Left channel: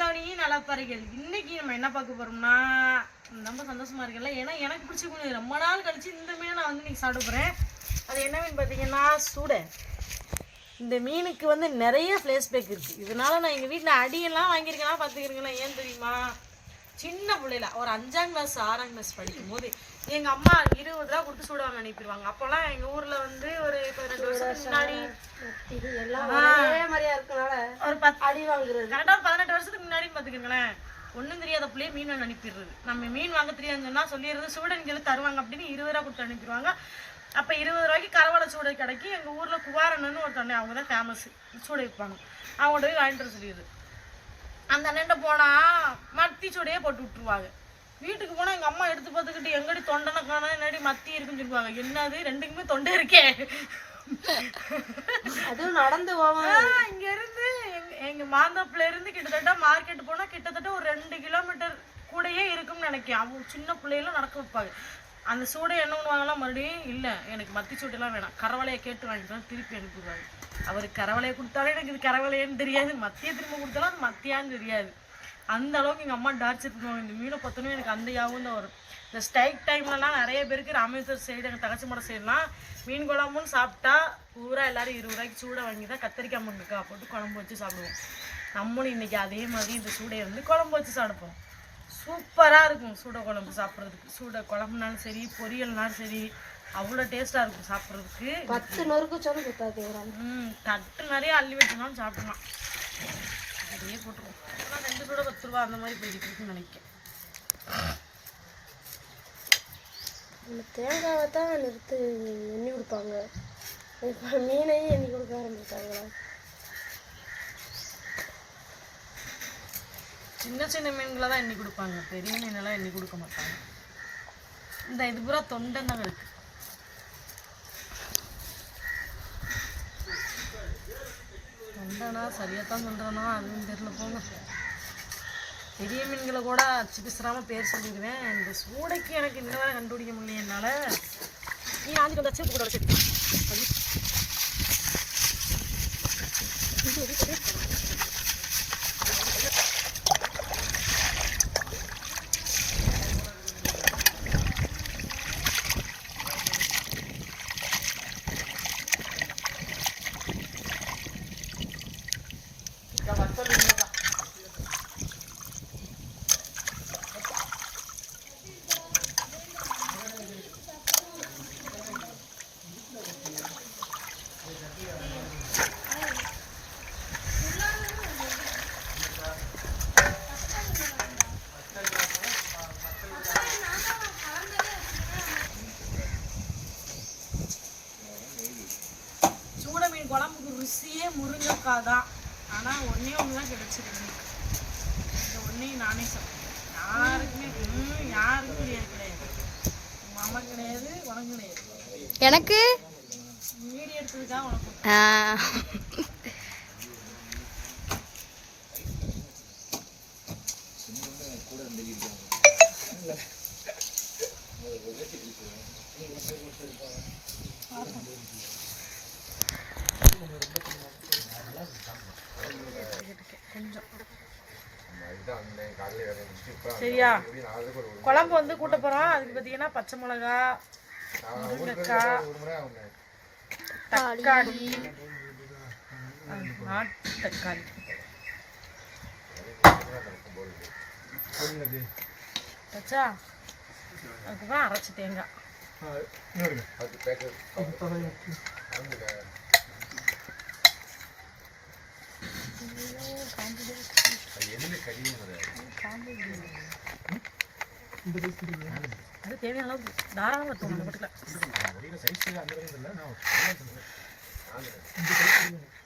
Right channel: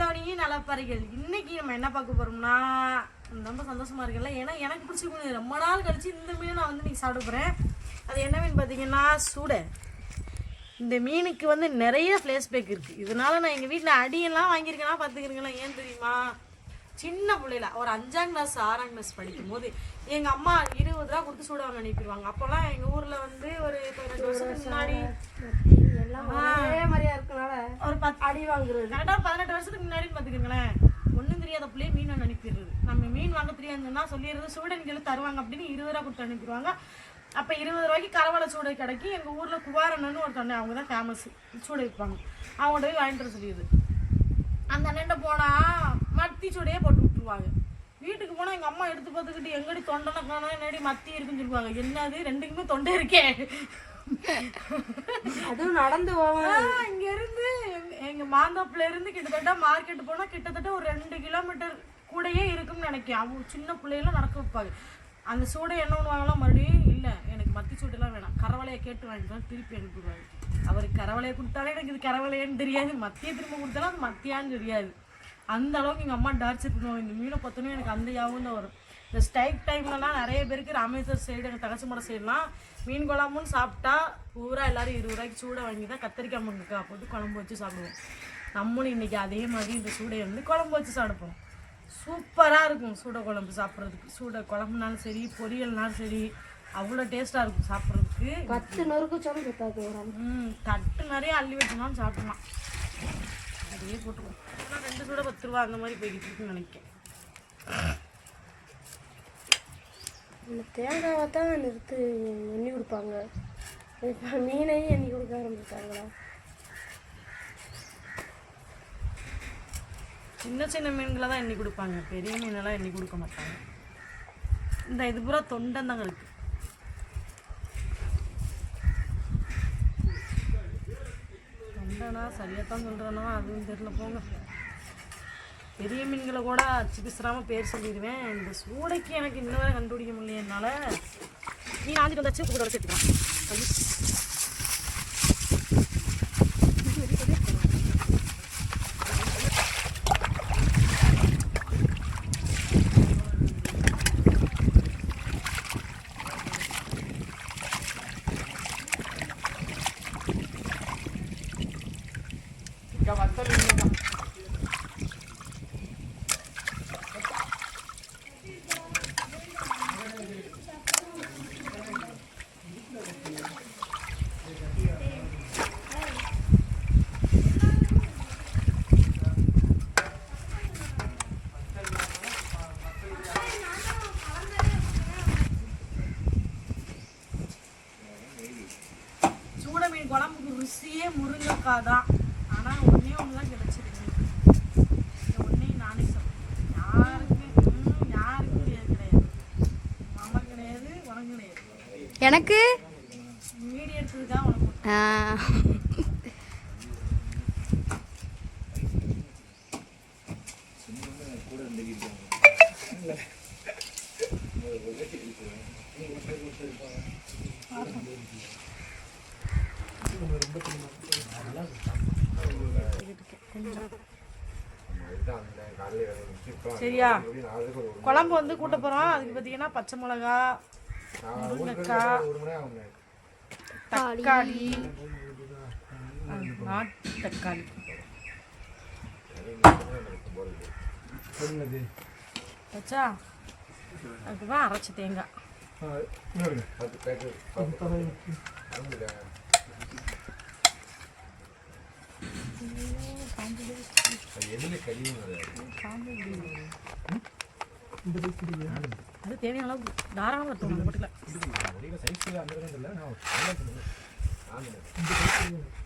நலந்தானியும் நலப்பறைகள் இன்னைக்கு நம்ம என்ன பார்க்க போறோம்னா ரொம்ப சந்தோஷமா இருக்குல்ல. ஏன்னா எனக்கு பிடிச்ச மீன் ரொம்ப நாள் கழிச்சு இந்த மீனை நான் வந்து இன்றைக்கி சாப்பிட போறேன் அது என்ன மீன் பார்த்தீங்கன்னா சூடை. இந்த மீனுக்கு வந்து நிறைய ஃப்ளேஸ் பேக் இருக்கு. இதனால நான் எங்கள் வீட்டில் அடியெல்லாம் வாங்கியிருக்கேன்னா பார்த்துக்கிறீங்களா? ஏன் தெரியுமா? சின்ன பிள்ளையில ஒரு அஞ்சாம் கிளாஸ் ஆறாம் கிளாஸ் படிக்கும் போது எங்கள் அம்மா இருபது ரூபா கொடுத்து சூடாங்க அனுப்பிடுவாங்க. அப்போல்லாம் எங்கள் ஊரில் வந்து ஒரு பதினெட்டு வருஷத்துக்கு முன்னாடி ஒரே மாதிரியா இருக்கனால ஒரு பத்து அடி வாங்குறது. கரெக்டாக ஒரு பதினெட்டு வருஷத்துக்கு முன்னாடி பார்த்துக்கோங்களேன் ஒன்றும் தெரியாத பிள்ளையே மீன் அனுப்பிடுறது. நம்ம மீன் வாங்க தெரியாதுன்னு சொல்லிடுறது சூடன் சொல்லி தருவாங்க அப்படின்னு இருபது ரூபா கொடுத்து அனுப்பிடுவாங்க. அப்போ இருபது ரூபாய்க்கு கரவலை சூடை கடைக்கு எங்கள் ஊரில் குவாரண்ணன்னு ஒரு தண்ணி அவங்க தான் ஃபேமஸ் சூடை விற்பாங்க. அவங்கள்ட்ட போய் வாங்கிட்டு வர சொல்லிடுது அந்த அண்ணன்ட்ட போனால் மத்தி சூடையே போட்டு விட்டுருவாங்க. வீட்டுக்கு போனால் எங்கள் அம்மா எடுத்து பார்த்துக்கிட்டு எங்கடி தொண்டனை காணா என்னடி மத்தி இருக்குன்னு சொல்லுவாங்க. என்னது? ரெண்டுக்குமே தொண்டை இருக்கே. அதுவும் நடந்து போவோம் இங்க இருந்து எங்க மாந்தாப்புல இருந்து கிட்டத்தட்ட மார்க்கெட் போனா கிட்டத்தட்ட ஒரு ரெண்டு கிலோமீட்டர் கூடயே இருக்கும்னு நினைக்கிறேன். அவங்க சின்ன பிள்ளைகளும் நடக்க வைப்பாங்க. அந்த சூடை என்ன பண்ணுவாங்களாம் மறுபடியும் இல்ல எனக்கு மத்தி சூட்டெல்லாம் வேணாம். கரவலையை கேட்டு வாங்கிட்டு திருப்பி அனுப்பிடுவாங்க. அவருக்கு கரவலையை கொடுத்தாலே எனக்கு இது கரவலையன்னு தெரியாது. மத்தியை திரும்ப கொடுத்தாலும் அது மத்தியான்னு தெரியாது. அந்த அளவுக்கு எங்கள் அம்மா டார்ச்சர் பண்ணுவாங்க. இந்த மீனை பார்த்தோன்னே எனக்கு அந்த யாவும் தான் வரும். இந்த ஸ்டைக் டைம்லலாம் நிறைய பேருக்கு ராமேஸ்வர் சைடு எங்கள் தகச்சி மடம் சைடுலாம் மீன் குழம்புன்னு சாப்பிட்டா பூரா எல்லாரும் இருபது ரூபாய்க்கு சூடை வாங்கி தான் கத்திரிக்காய் முருங்கைக்காய் போட்டு குழம்பு வச்சு சாப்பிடுவோம். நம்மளும் இன்னைக்கு அதே மாதிரி இந்த சூடையை வந்து குழம்பு வச்சு சாப்பிடுவோம். சூப்பராக இருக்கும் சூடை குழம்பு சாப்பிட்றதுக்கு. சூடை குழம்புனாலும் சரி பொரியல்னாலும் சரி அவ்வளோ டேஸ்ட்டாக இருக்கும் சாப்பிட்றதுக்கு. பத்து நொறுக்கு சொல்லு. ம் தட்டு நிறைய அள்ளி வச்சுனாலும் சாப்பிடலாம். அப்படியே போட்டுருவோம் ரெண்டு கூட பத்து ரூபா அந்த மாதிரி போய்கிட்டு இருக்குன்னு நினைக்கிறேன். நம்ம தேங்காவை தான் நிறுத்து எண்ணி கொடுப்பாங்க. இப்போ மீனையும் எண்ணி கொடுக்க ஆரம்பிச்சாங்களா சின்ன சின்ன மீன்களை தான் எண்ணி கொடுப்பாங்க. பெரிய மீனெல்லாம் எண்ணி கொடுக்க மாட்டாங்க. இந்த இது பூரா தொண்டன் தாங்க இருக்கு. தொண்டனா சரியாக தான் சொல்கிறேன்னா அதுவும் தெரியல போங்க. பெரிய மீன்களை கூட அச்சு பிசுறாமல் பேர் சொல்லிடுவேன். இந்த சூடைக்கு எனக்கு இன்னும் வரை கண்டுபிடிக்க முடியல என்னால். நீ ஆஞ்சிட்டு வந்தாச்சு கூட சூட மீன் குழம்புக்கு ருசியே முருங்கைக்காய் தான் ஆனால் ஒன்றே ஒன்று தான் கிடச்சிருக்கு இந்த ஒன்றையும் நானே சாப்பிட்டேன் யாருக்குமே ம், யாருக்கும் கிடையாது கிடையாது மாமா கிடையாது உனக்கு கிடையாது எனக்கு? சரியா? குழம்பு வந்து கூட்ட போகிறோம் அதுக்கு பார்த்தீங்கன்னா பச்சை மிளகா முருங்கைக்காய் தக்காளி. நாட்டு தக்காளி. வச்சா அரைச்சி தேங்காய். அது தேவையான அளவுக்கு தாராளமாக இருக்கும் அந்த பட்டுல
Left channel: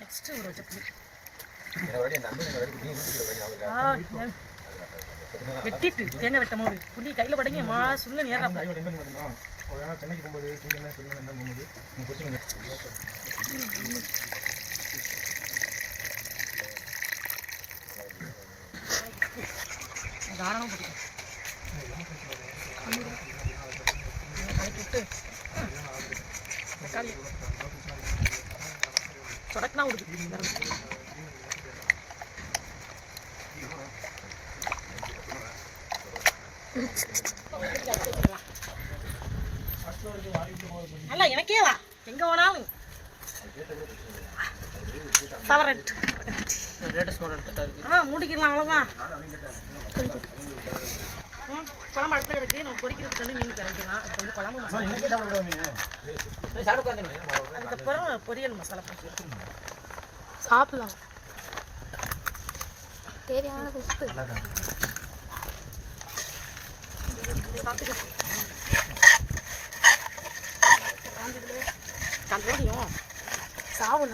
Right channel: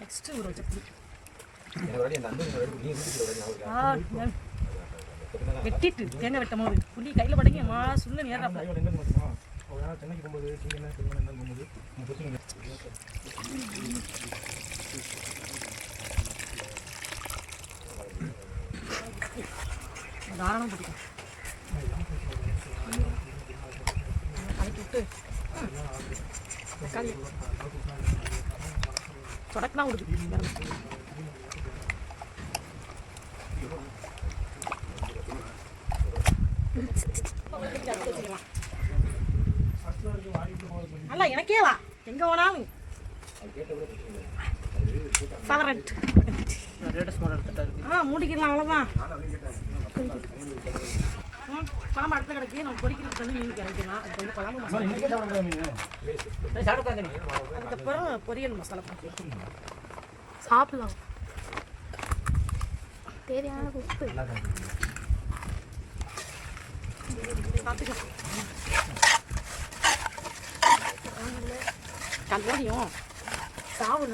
நெக்ஸ்ட்டு ஒரு வச்ச வெட்டிட்டு தேங்காய் வெட்டும் போது புள்ளி கையில் படங்கி மா சுள்ள நேராப்ல தாராளம் பிடிக்கும் தொடக்கலாம் விடுது அல்ல எனக்கே வா. எங்க போனாலும். சவரட் ஆ மூடிக்கலாம் அவ்வளோதான் குழம்பு அடுத்த கிடக்கு நம்ம பொரிக்கிறதுக்கு வந்து மீன் கிடைக்கலாம் அது வந்து குழம்பு மசாலா அதுக்கப்புறம் பொரியல் மசாலா போட்டு சாப்பிடலாம். தேவையான உப்பு. சாப்பிட்டுக்கலாம் கல்லோடியும் சாவு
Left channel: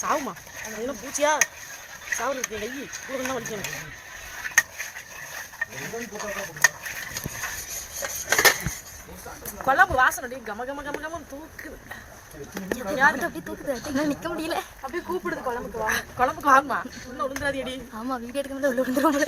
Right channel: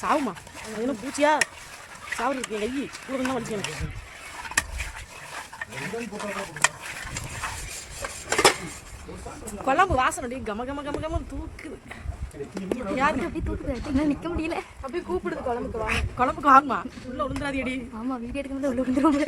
சாவுமா என்ன பூச்சியா? சாவு இருக்கு. கை கூட தான் வலிக்கணும். குழம்பு வாசனை அப்படியே கம கம கம கம தூக்குது. யாரு? அப்படியே தூக்குது. என்னால நிக்க முடியல. அப்படியே கூப்பிடுது குழம்புக்கு வாங்க. குழம்புக்கு வாங்கம்மா. உள்ள விழுந்தாதியடி ஆமா வீடியோ எடுக்க முடியல உள்ள விழுந்துருவாங்க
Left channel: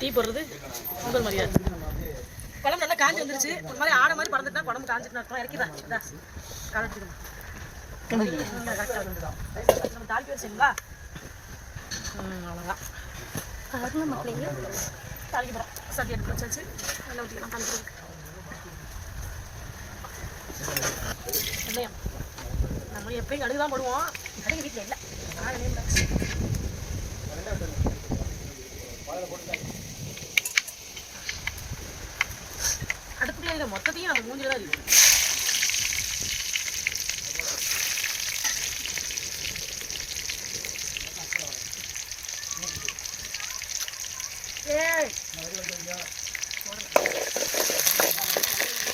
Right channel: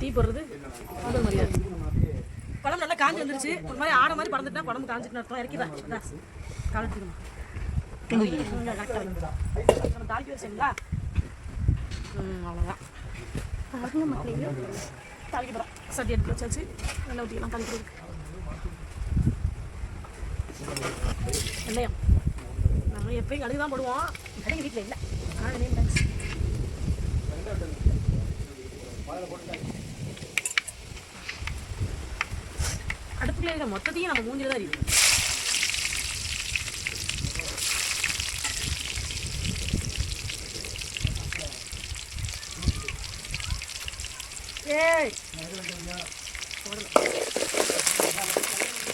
டீ போடுறது? முதல் மரியாதை. குழம்பு நல்லா காஞ்சி வந்துருச்சு. ஒரு மாதிரி ஆட மாதிரி பறந்துட்டா குழம்பு காஞ்சிட்டு அர்த்தம் இறக்கிதான் நம்ம தாளிக்க வச்சிங்களா ம் அவ்வளோதான் பாருங்க மக்களே. தாளிக்க போகிறோம் சட்டி எடுத்து வச்சாச்சு. நல்லா ஊற்றிக்கலாம் வெந்தயம் நம்ம எப்பயும் கடுகு தான் போடுவோம். கடுகு வீட்டில் இல்லை. தான். அடுப்புல மொத்தத்தையும் நம்ம மூஞ்சில தான் இருக்கு ஏய்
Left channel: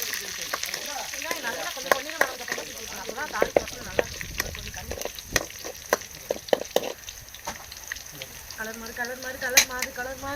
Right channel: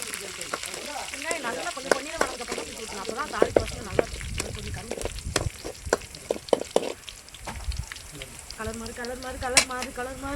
வெங்காயம் நல்லா கொஞ்சம் பொன்னிறம் ஆனதுக்கு அப்புறம் ஊத்தணும். அப்பதான் தாளிக்கு வாசனை நல்லா இருக்கும். கண்ணு. கலர் மாறு கலர் மாறு கலர் மாறு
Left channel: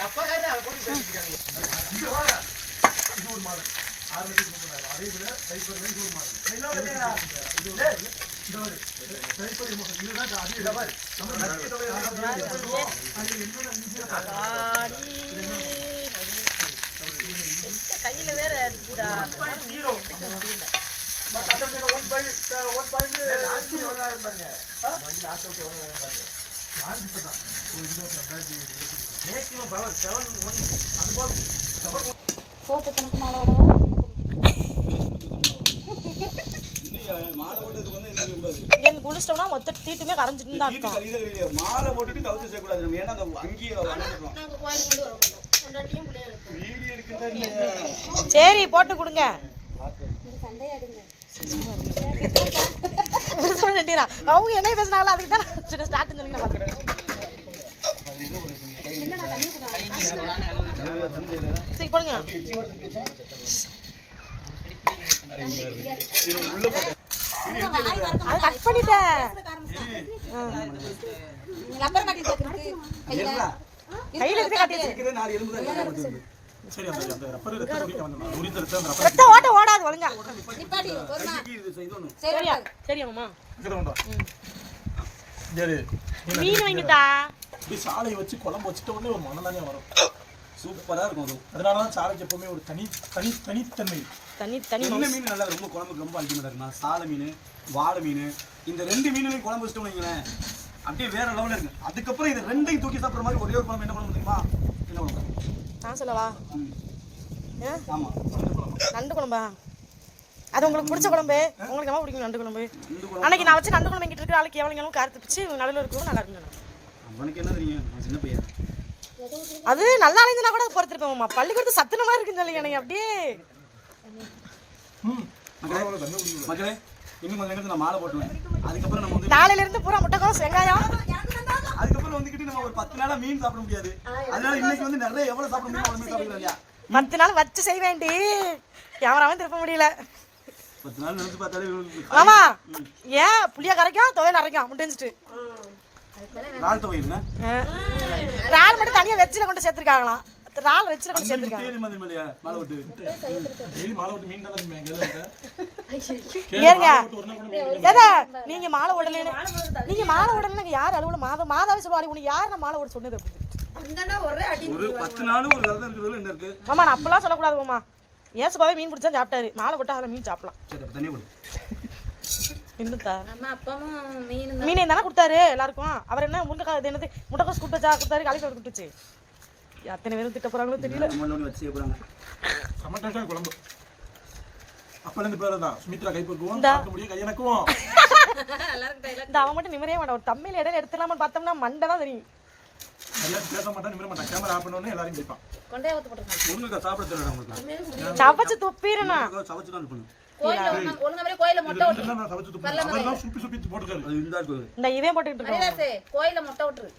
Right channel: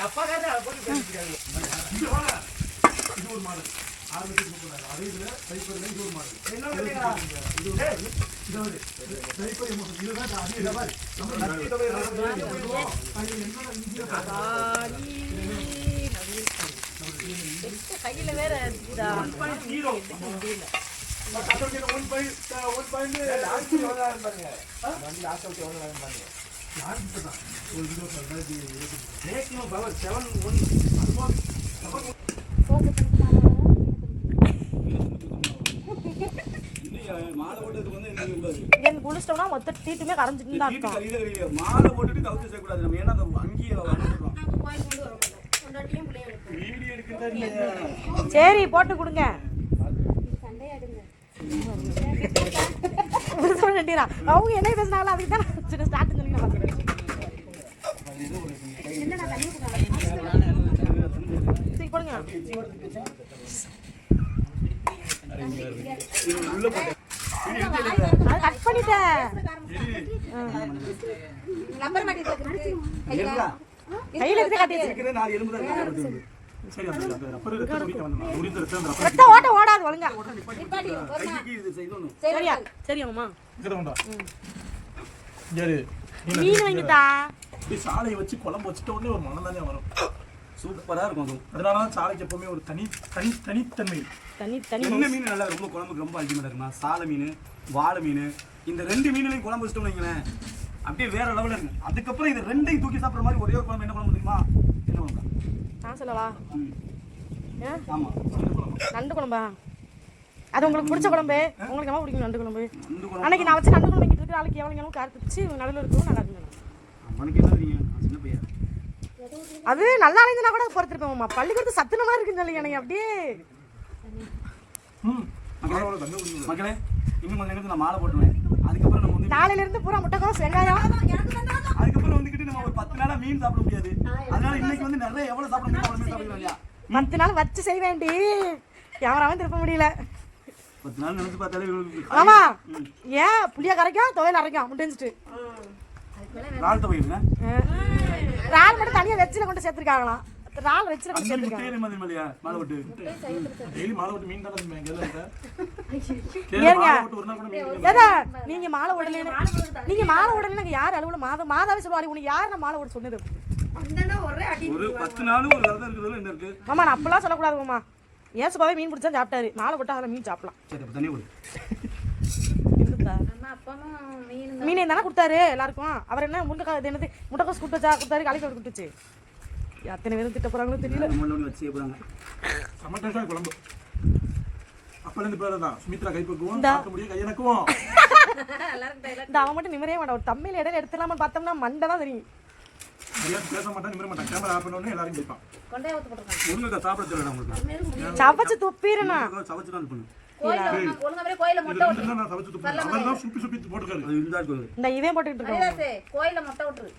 தப்பாக இது ஒரு மாதம் அப்படி கையில வேற மாலை எங்க குளிச்சிட்டோம்னா மொத்த தீட்டுமே கரைஞ்சிட்டு தான் இருக்கும். மாலை போட்டுட்டு கவுத்து செய்யக்கூடாது நம்ம ஏன்னா அந்த அங்கேயே சரி போட்டு கொடுங்க அவங்க என்ன பேசினாலும் அதுக்கு தான் நான் ஸ்டார்ட் சொல்லி நான் சரி போடுங்க அது கட் பண்ணிட்டேன்? கையில இருந்து கட்டி நாலு எலும்பு தான். சரி அந்த அந்த ரப்பர் ரத்த துடிக்க வந்தோம் உரிந்த ரத்தம் அந்த ரப்பர் ரத்த ஓட்ட ஓடாது ஒழுங்கா. கைக்கு இது செய்யணும் சரியா சரியாம்மா இங்கே கொண்டா சரி மீன் வாங்கிட்டா? இப்படி சாலையை வச்சு குழம்பு வச்சுட்ட உடனே ஒரு மனம் தானே வரும். சூப்பரா இருக்கும் அது அதனால தான் சாலைக்கு எப்பவுமே ஒரு தனி தனி தனித்தன்மை. தனி தனி என்ன மீன் நல்லா ரொம்ப குழம்புக்கு ரொம்ப அல்டிமேட் இருக்குமா சாலை மீன் வாழை மீன் இந்த ரெண்டு மீன்லையும் குழம்பு வச்சுட்டோம் வைங்களேன் அப்படியே வேற லெவலில் இருக்கு அதுக்கப்புறம் இந்த ரெண்டையும் தூக்கி சாப்பிட்ற மாதிரி ஒரே ஒரு குழம்பு என்ன குழம்பு தெரியுமா? என்ன குழம்பு? நான் சொல்லவா? ஆமாம் நண்டு குழம்பா? அது உங்களுக்கு பிடிச்ச குழம்பு? உங்களுக்கு என்ன பிடிக்கும் நண்டு குழம்பு? அன்னைக்கு நான் வச்சு நண்டு குழம்பு எங்கிட்ட இருக்கிற ஆளுக்கு எவ்வளோ காரத்து பிச்சு நடுவில் இருக்கும் நல்லா இருக்கும் அவனுக்கு என்ன தெரியும்? சின்ன பையன். அது நல்லா இருந்துனா கூட பொறுத்திருப்பேன்மா பள்ளிக்கூடத்து சத்துன மாதிரி இருக்குன்னு சொல்லி எனக்கு அப்படியே. மக்களே இன்னும் கொஞ்சம் நேரத்துல நான் மாலை போட்டுருவேன். அதுக்கப்புறம் நம்ம வந்து நாளையில இருந்து பூரா முட்டைக்கோஸ் வெங்காயம். அதுக்கப்புறம் வந்துக்கிட்டு நம்ம ஒரு பத்து நாளா மீன் சாப்பிட முடியாது. அதனால இன்னைக்கு வந்து நிறைய எவ்வளவு சாப்பிட முடியும் அவ்வளவு சாப்பிடுறோம் இல்லையா? பத்து நாள் வச்சு செய்ய வேண்டி கேமராவும் திருப்ப முடியல. பத்து நாள் நினைச்சு பார்த்தாலே மாமா ஏன் புளிய கரைக்கும் துவையல் அரைக்கும் முடிஞ்சிட்டு நாள் துவையுங்க இறால் மட்டும் தனியா வெச்சில கொண்டு சேர்த்துருக்காங்களாம். இறால் வெச்சில கொண்டு சேர்த்துருக்காங்க. நீங்க மாலை உடனே நீங்க மாலை உடனே யார் அலுவல மாதா மாதாவே சொல்லுவாரு உனக்கு யார் நான் மாலை விட சொன்னது? அப்படின்னு ஒரு பத்து நாள் ஒரு விரதம் இருக்கிறதுல என்ன இருக்கு? மாமா நான் அப்பெல்லாம் சொல்லக்கூடாது மாமா. ஏசுபாவே மீன் பிடிச்சா சாப்பிட்டாரு. மாலை போட்டா அதில் மீன் சாப்பிடலாம். மீன் தானே கொடுத்தாரு எல்லாருக்கும். அவர் என்ன முருங்கைக்காய் என்னது? முட்டைக்கோஸ் கொடுத்தா கொடுத்தாரு காலிஃபிளவர் கொடுத்துச்சு. எத்தனை பேரும் திட்ட போறாங்களோ தெரியல. வச்சு போறாங்க. சமட்டான குழம்பு. அப்பலேருந்து பேர் தான் சுமித்ரா கைப்பக்குவோம் இந்தா. பார்க்க முடியும் கையனக்குவோம் இந்த அவன் மட்டும் நிம்மதியே மாட்டான். ஒரு தமிழ் இடையில எடுத்துலாமான்னு பார்த்தோம்னா மண்டை தான் தெரியும். நிமிர சவச்சு துப்பிடுனா இந்த இதே போட்டுக்கிட்டு இருக்கோம் கோயில முட்டை விட்டுரு